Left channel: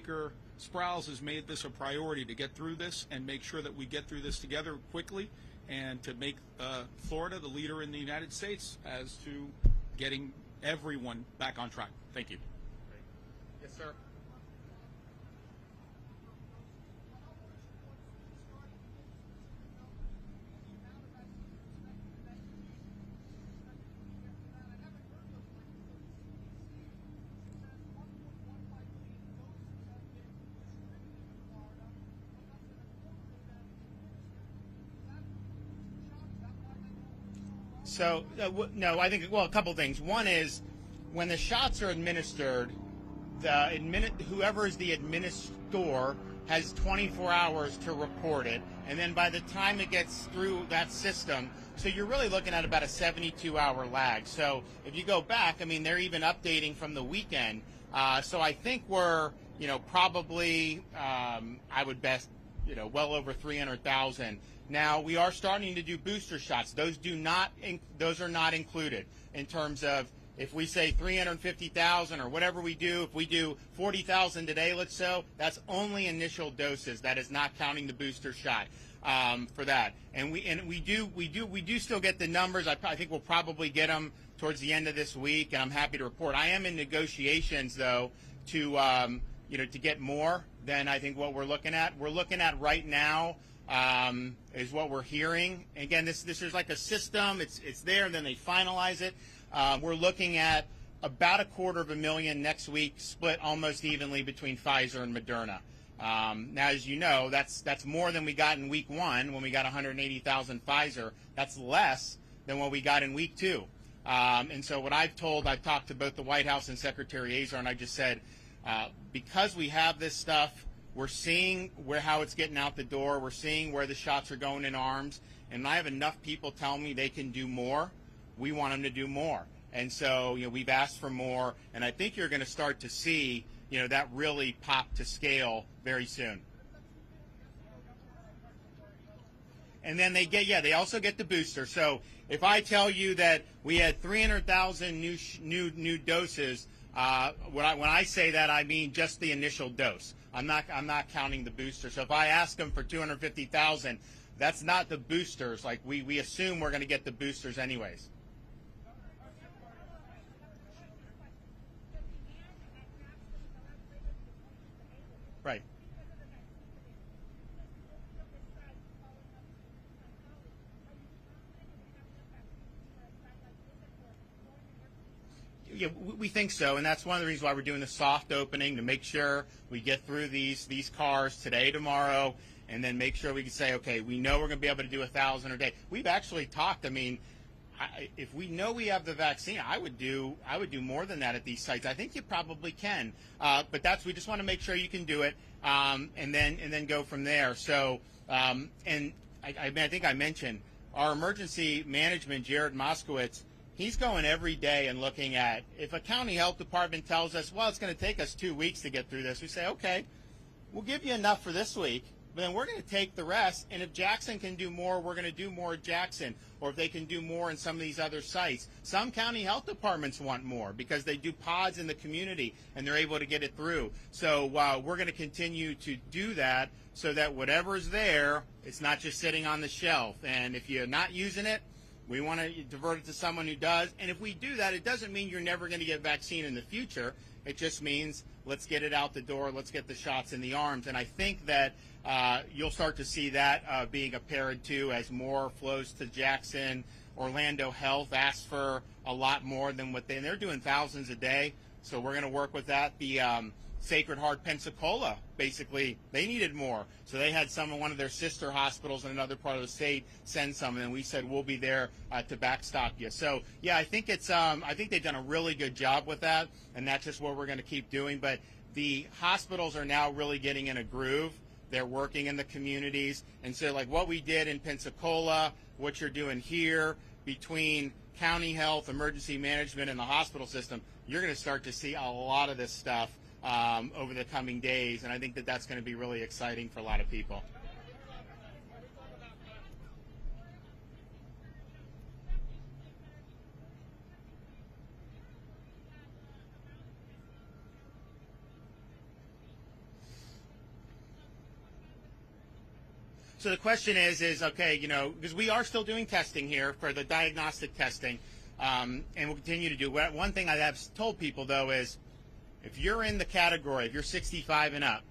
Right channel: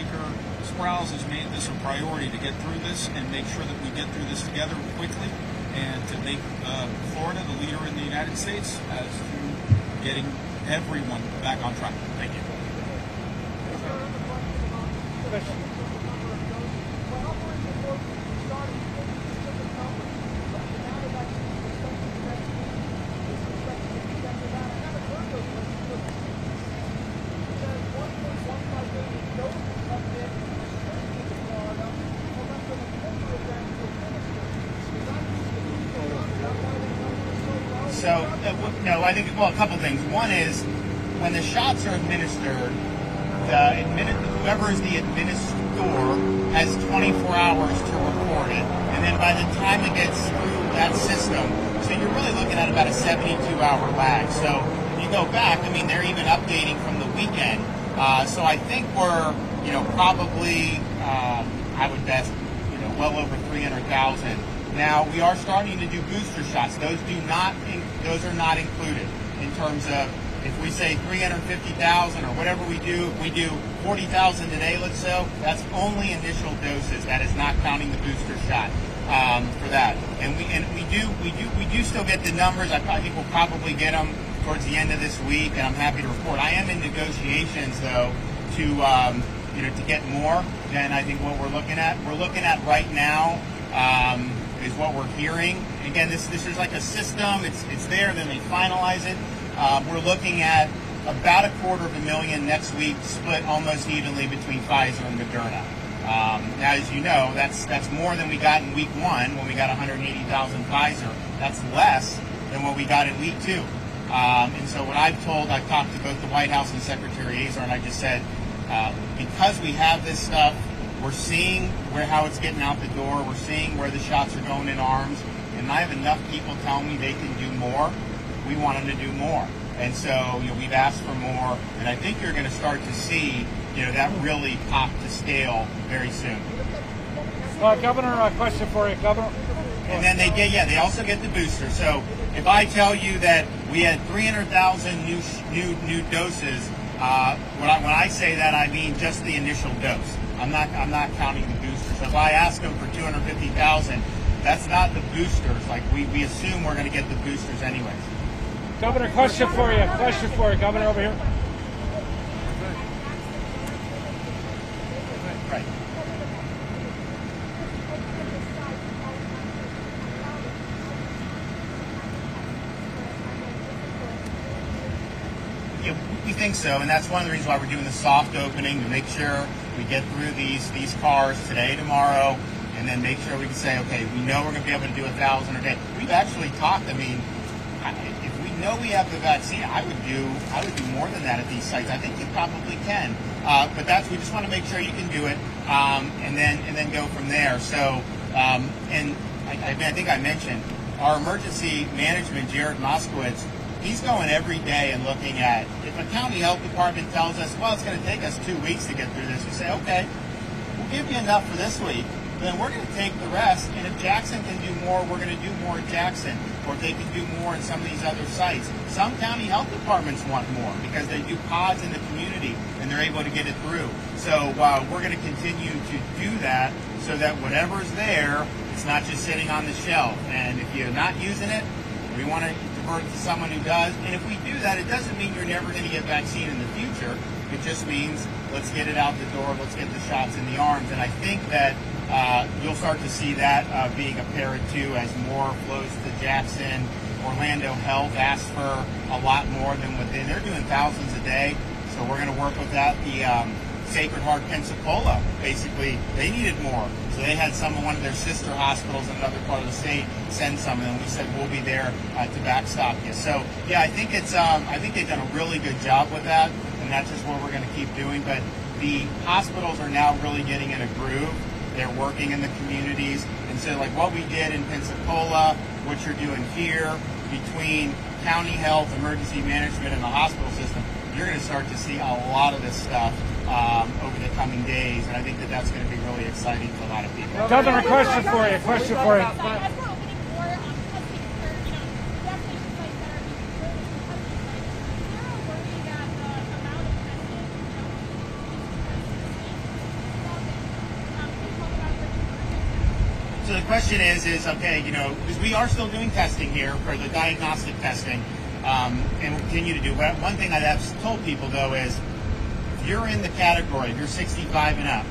Speaker Sprowls has made this a priority to get through this and make sure that we get through this together quickly and to make Florida the leader in the United States as to getting everyone back on track. Thank you. So, no, I think, well, a couple things. One is, when the shots are administered, whoever is the administrator has 24 hours to report it. And then by the time it gets through that system, so you're really looking at about a 72-hour lag. So you go back, I mean, they're even updating from the weekend. So I think we're, probably, I would bet, well over 300,000. Now, we are starting to do booster shots. Those are not included in terms of, if we say 350,000 or whatever we do, if we do 40,000 today, let's say, that's only initial doses. That is not counting the booster shot for that. And we do still get the numbers. I think we'll probably get them towards the end of this week, and I'm happy to report. I am in negotiations, though, to get more than I think what we're looking at. We're looking at right now is what we're hearing. Again, this is like a system. It's there, then they finalize it. We're looking at about 250,000 next week, split almost evenly between Pfizer and Moderna. As you know, that's more than we got in week 1 when we got 180,000 Pfizer. That's less than what we got in week 2. And so what I've talked to both the White House and Secretary Azar, and I just said, because we have this stuff, we're seeing how it's getting out the door. We're seeing where the shots are going in arms. And I have enough people telling me they can do more. We want them to do more. And so we've asked for more. And I think you're going to start to see that really pop the scale very soon. Governor, a question for you, Governor. And then they also get the booster. So if I tell you that we had 300,000 new doses, when I say that, I mean just the initial dose. I'm not counting the boosters. So if I ask them for 250,000, that's not the boosters. Like we assume we're going to get the boosters anyways. Governor, question for you. Governor, over here. Right. Yeah, we think so, and that's one of the reasons why we're doing the soft opening, to make sure we get through these cars today, tomorrow, and then make sure we can say, okay, we know we're going to be able to do 1,000 a day. We've actually talked, if we know we have the vaccine, I would do more than that at these sites. I think we probably can. But we just want to make sure you can do it, and then go from there. So, and I think I mentioned, our emergency management, Jared Moskowitz, he's going every day and looking at, if a county health department tells us, well, it's going to take us 2 weeks to get through this, we say, okay, we'll give you enough for this week, then we're going to take the rest, and if Jackson can do more, we're going to do more in Jackson, or if they can do more in some of these other sites. Some county health departments want more because they do pods in the community, and they're able to get it through. So we're going to continue to do that so that whatever's there, it's not just sitting on the shelf. And if you're not using it, we want to divert it to someone who does. And if we do that, it doesn't mean you're never going to get vaccine in the future. It just means let's get it out the door, let's get the shots in the arms. And I think that you'll start to see that being apparent too as more flows to Jackson. Orlando Health asked for a lot more than what they're doing thousands a day. So we're going to work with that. The Sacred Heart Pensacola, basically, they needed more. So they had one of their sister hospitals in another part of the state send some, and we said we'll be there to backstop you. So yeah, I think they've done a really good job with that, and that's just what we're going to keep doing. But the hospitals are now really getting in a groove. They're working in the communities, and so like what we did in Pensacola, what you're doing here, between county health, emergency management, and the hospital system, you're going to start to see a lot of this stuff over the coming days, and I think that's going to be really exciting for a lot of people. Governor, question for you. the question is okay, you know, because we are still doing testing here for the diagnostic testing, and we'll continue to do that. One thing I have told people, though, is if you're in the category, if you're 65 and up,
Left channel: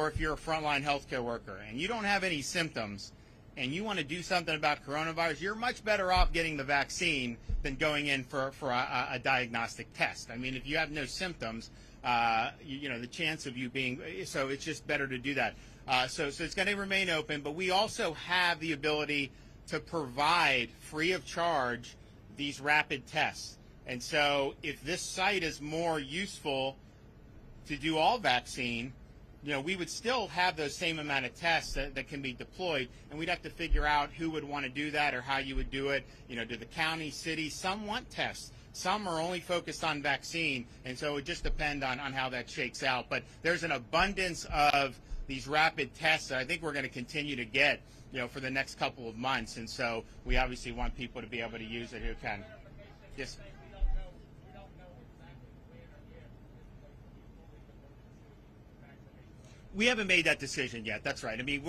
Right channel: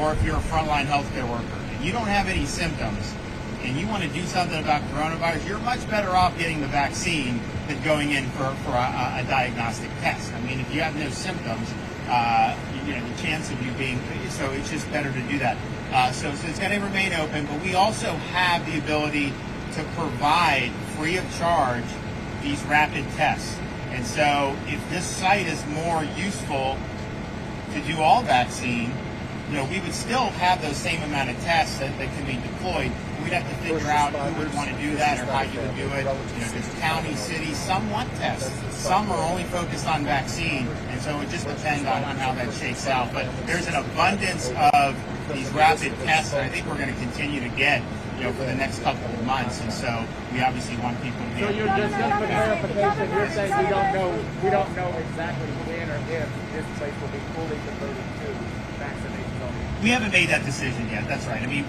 or if you're a frontline healthcare worker, and you don't have any symptoms, and you want to do something about coronavirus, you're much better off getting the vaccine than going in for a diagnostic test. I mean, if you have no symptoms, you know, the chance of you being, so it's just better to do that. So it's going to remain open, but we also have the ability to provide free of charge these rapid tests. And so if this site is more useful to do all vaccine, you know, we would still have those same amount of tests that can be deployed. We'd have to figure out who would want to do that or how you would do it. You know, there's county, city, some want tests. Some are only focused on vaccine. And so it just depends on how that shakes out. But there's an abundance of these rapid tests that I think we're going to continue to get, you know, for the next couple of months. And so we obviously want people to be able to. So you're just for clarification, you're saying we don't know exactly when or if this place will be fully converted to vaccinations only. We haven't made that decision yet. That's right. I mean,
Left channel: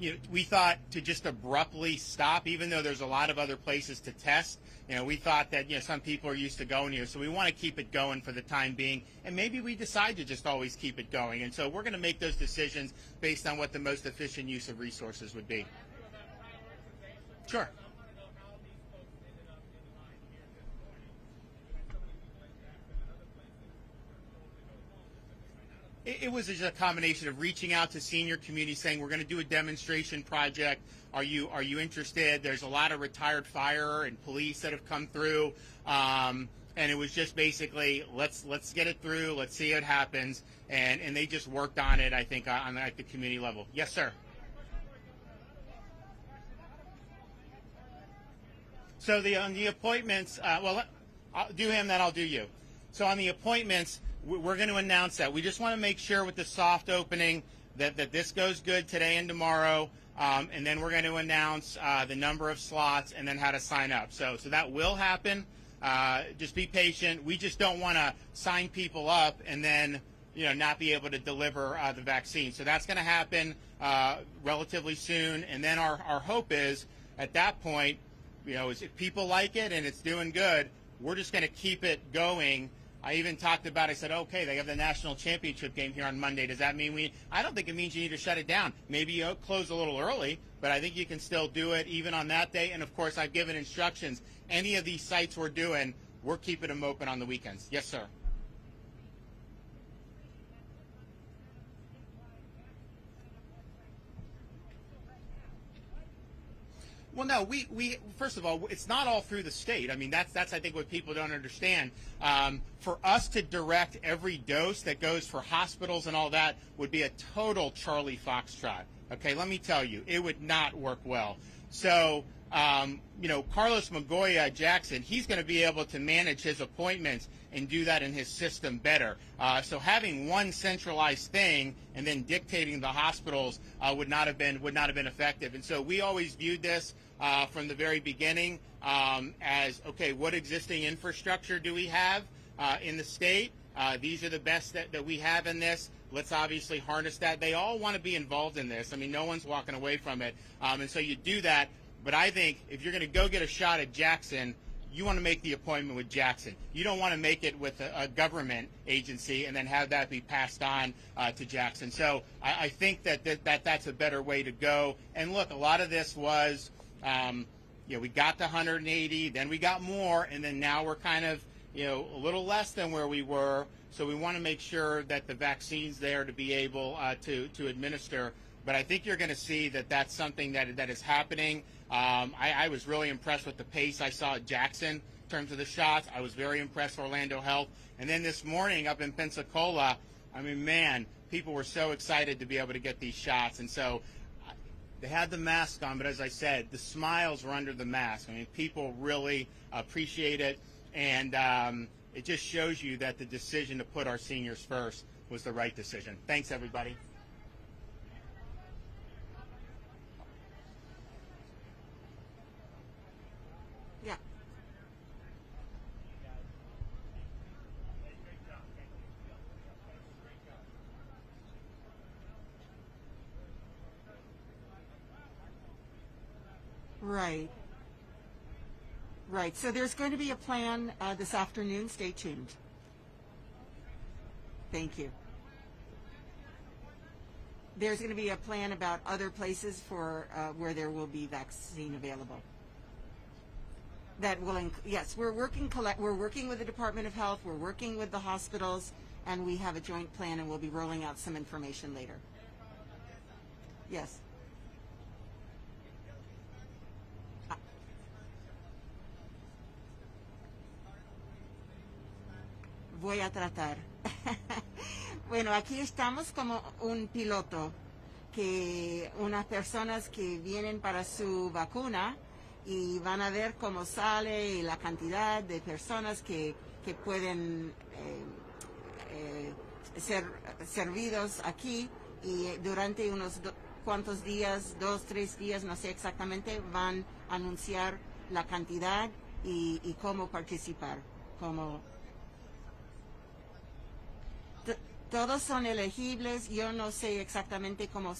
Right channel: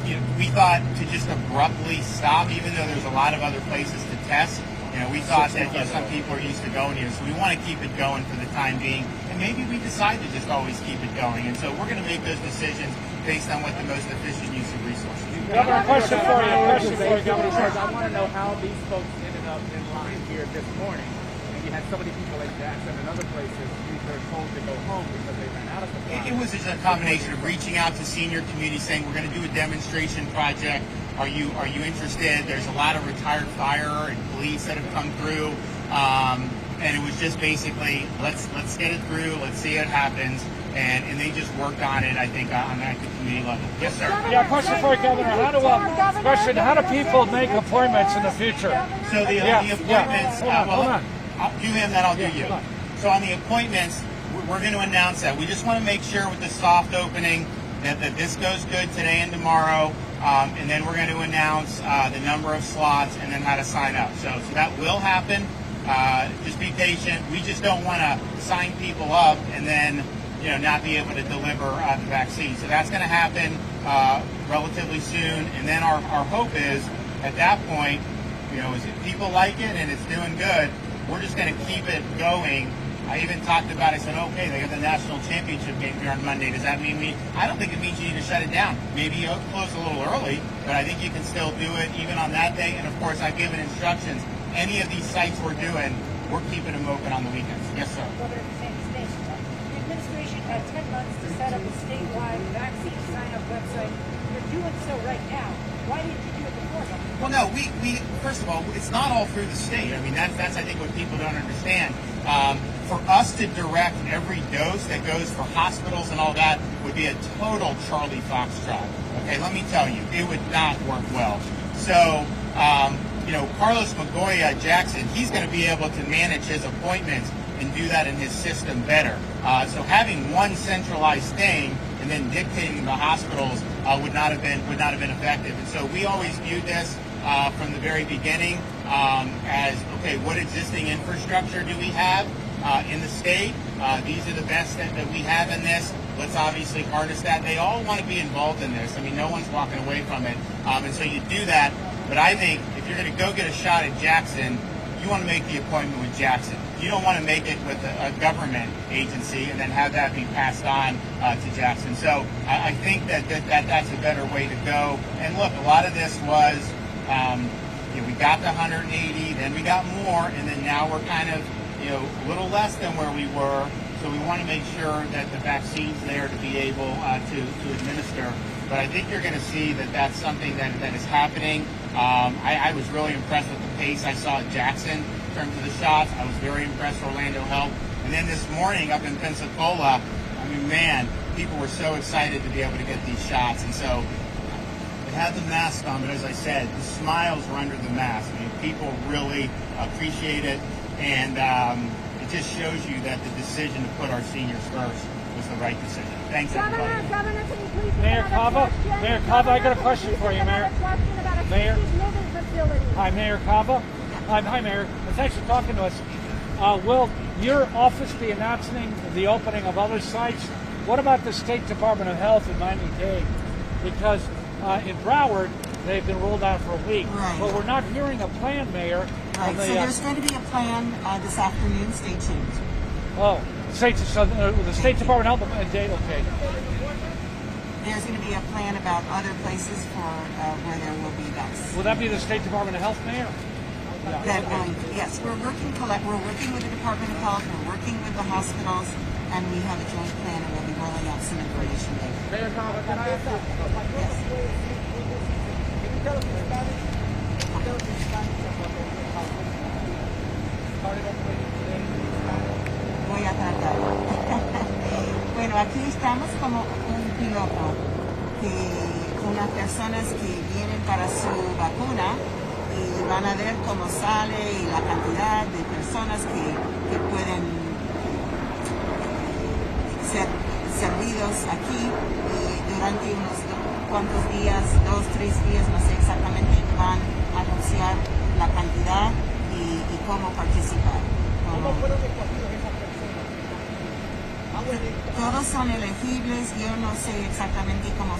you know, we thought to just abruptly stop, even though there's a lot of other places to test. You know, we thought that, you know, some people are used to going here, so we want to keep it going for the time being. And maybe we decide to just always keep it going. And so we're going to make those decisions based on what the most efficient use of resources is. Governor, question for you, Governor. I want to know how these folks ended up in line here this morning. And you had so many people like Jackson and other places who were told to go home because they ran out of supplies. It was just a combination of reaching out to senior community, saying we're going to do a demonstration project. Are you interested? There's a lot of retired fire and police that have come through, and it was just basically let's get it through, let's see what happens, and they just worked on it. I think on that community level. Yes, sir. Yeah, question for you, Governor. How do people make appointments in the future? So the appointments. Hold on. I'll do him, then I'll do you. So on the appointments, we're going to announce that. We just want to make sure with the soft opening that this goes good today and tomorrow, and then we're going to announce the number of slots and then how to sign up. So that will happen. Just be patient. We just don't want to sign people up and then, you know, not be able to deliver the vaccine. So that's going to happen relatively soon. And then our hope is at that point, you know, if people like it and it's doing good, we're just going to keep it going. I even talked about it. I said, okay, they have the national championship game here on Monday. Does that mean I don't think it means you need to shut it down. Maybe you'll close a little early, but I think you can still do it even on that day. And of course, I've given instructions. Any of these sites we're doing, we're keeping them open on the weekends. Yes, sir. Governor DeSantis, the administration had 10 months to set up a statewide vaccine sign-up website. You're doing so right now. Why didn't you do it before? Well, no, we first of all, it's not all through the state. I mean, that's I think what people don't understand. For us to direct every dose that goes for hospitals and all that would be a total Charlie Foxtrot. Okay, let me tell you, it would not work well. So, you know, Carlos Magoya Jackson, he's going to be able to manage his appointments and do that in his system better. So having one centralized thing and then dictating the hospitals would not have been effective. And so we always viewed this from the very beginning as, okay, what existing infrastructure do we have in the state? These are the best that we have in this. Let's obviously harness that. They all want to be involved in this. I mean, no one's walking away from it. And so you do that. But I think if you're going to go get a shot at Jackson, you want to make the appointment with Jackson. You don't want to make it with a government agency and then have that be passed on to Jackson. So I think that's a better way to go. And look, a lot of this was, you know, we got the 180, then we got more, and then now we're kind of, you know, a little less than where we were. So we want to make sure that the vaccine's there to be able to administer. But I think you're going to see that that's something that is happening. I was really impressed with the pace I saw at Jackson in terms of the shots. I was very impressed with Orlando Health. And then this morning up in Pensacola, I mean, man, people were so excited to be able to get these shots. And so they had the mask on, but as I said, the smiles were under the mask. I mean, people really appreciate it. And it just shows you that the decision to put our seniors first was the right decision. Thanks, everybody. Governor, can you please Mayor Cava, I got a question for you, Mayor. Mayor. Hi, Mayor Cava. Hi, Mayor. Thanks for talking to us. Will your office be announcing the opening of other sites? What about the State Department of Health in Miami-Dade? Because In Broward, they've been rolled out for a week. Right. But we're not hearing a plan, Mayor. Right, on the, so there's going to be a plan this afternoon. Stay tuned. Oh, the State Department Health and Dade. Okay. There's going to be a plan about other places for where there will be vaccines. Will that be the State Department of Health, Mayor? That will, yes, we're working with the Department of Health, we're working with the hospitals, and we have a joint plan, and we'll be rolling out some information later. Mayor Cava, can I ask you? Yes. Can you tell us in Spanish? Tell us in Spanish about how started operating today in Spanish. Voy a tratar. Bueno, aquí estamos como un piloto con las personas que vienen para su vacuna y van a ver cómo sale y la cantidad de personas que pueden ser servidos aquí y durante unos cuantos días, 2, 3 días, no sé exactamente, van a anunciar la cantidad y cómo participar. ¿Cómo fueron escogidos esas personas? Todos son elegibles, yo no sé exactamente cómo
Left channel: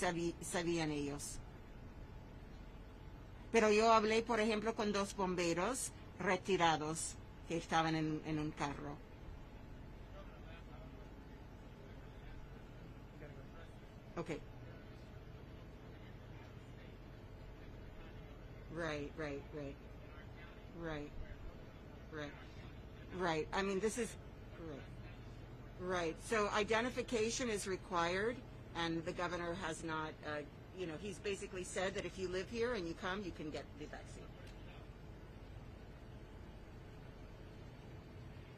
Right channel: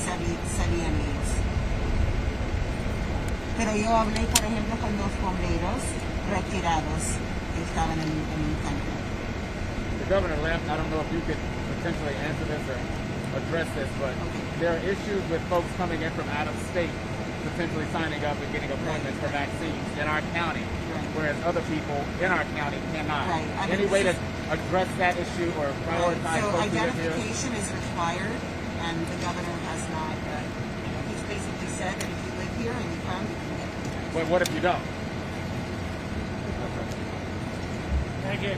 salían ellos. Pero yo hablé, por ejemplo, con 2 bomberos retirados que estaban en un campo. The governor left. I don't know if you could potentially answer this or address this, but there are issues with folks coming in from out of state, potentially signing up and getting appointments for vaccines in our county, whereas other people in our county cannot. Right. Any way to address that issue or prioritize So folks who live here? identification is required, and the governor has not, he's basically said that if you live here and you come, you can get it. But what if you don't? Thank you.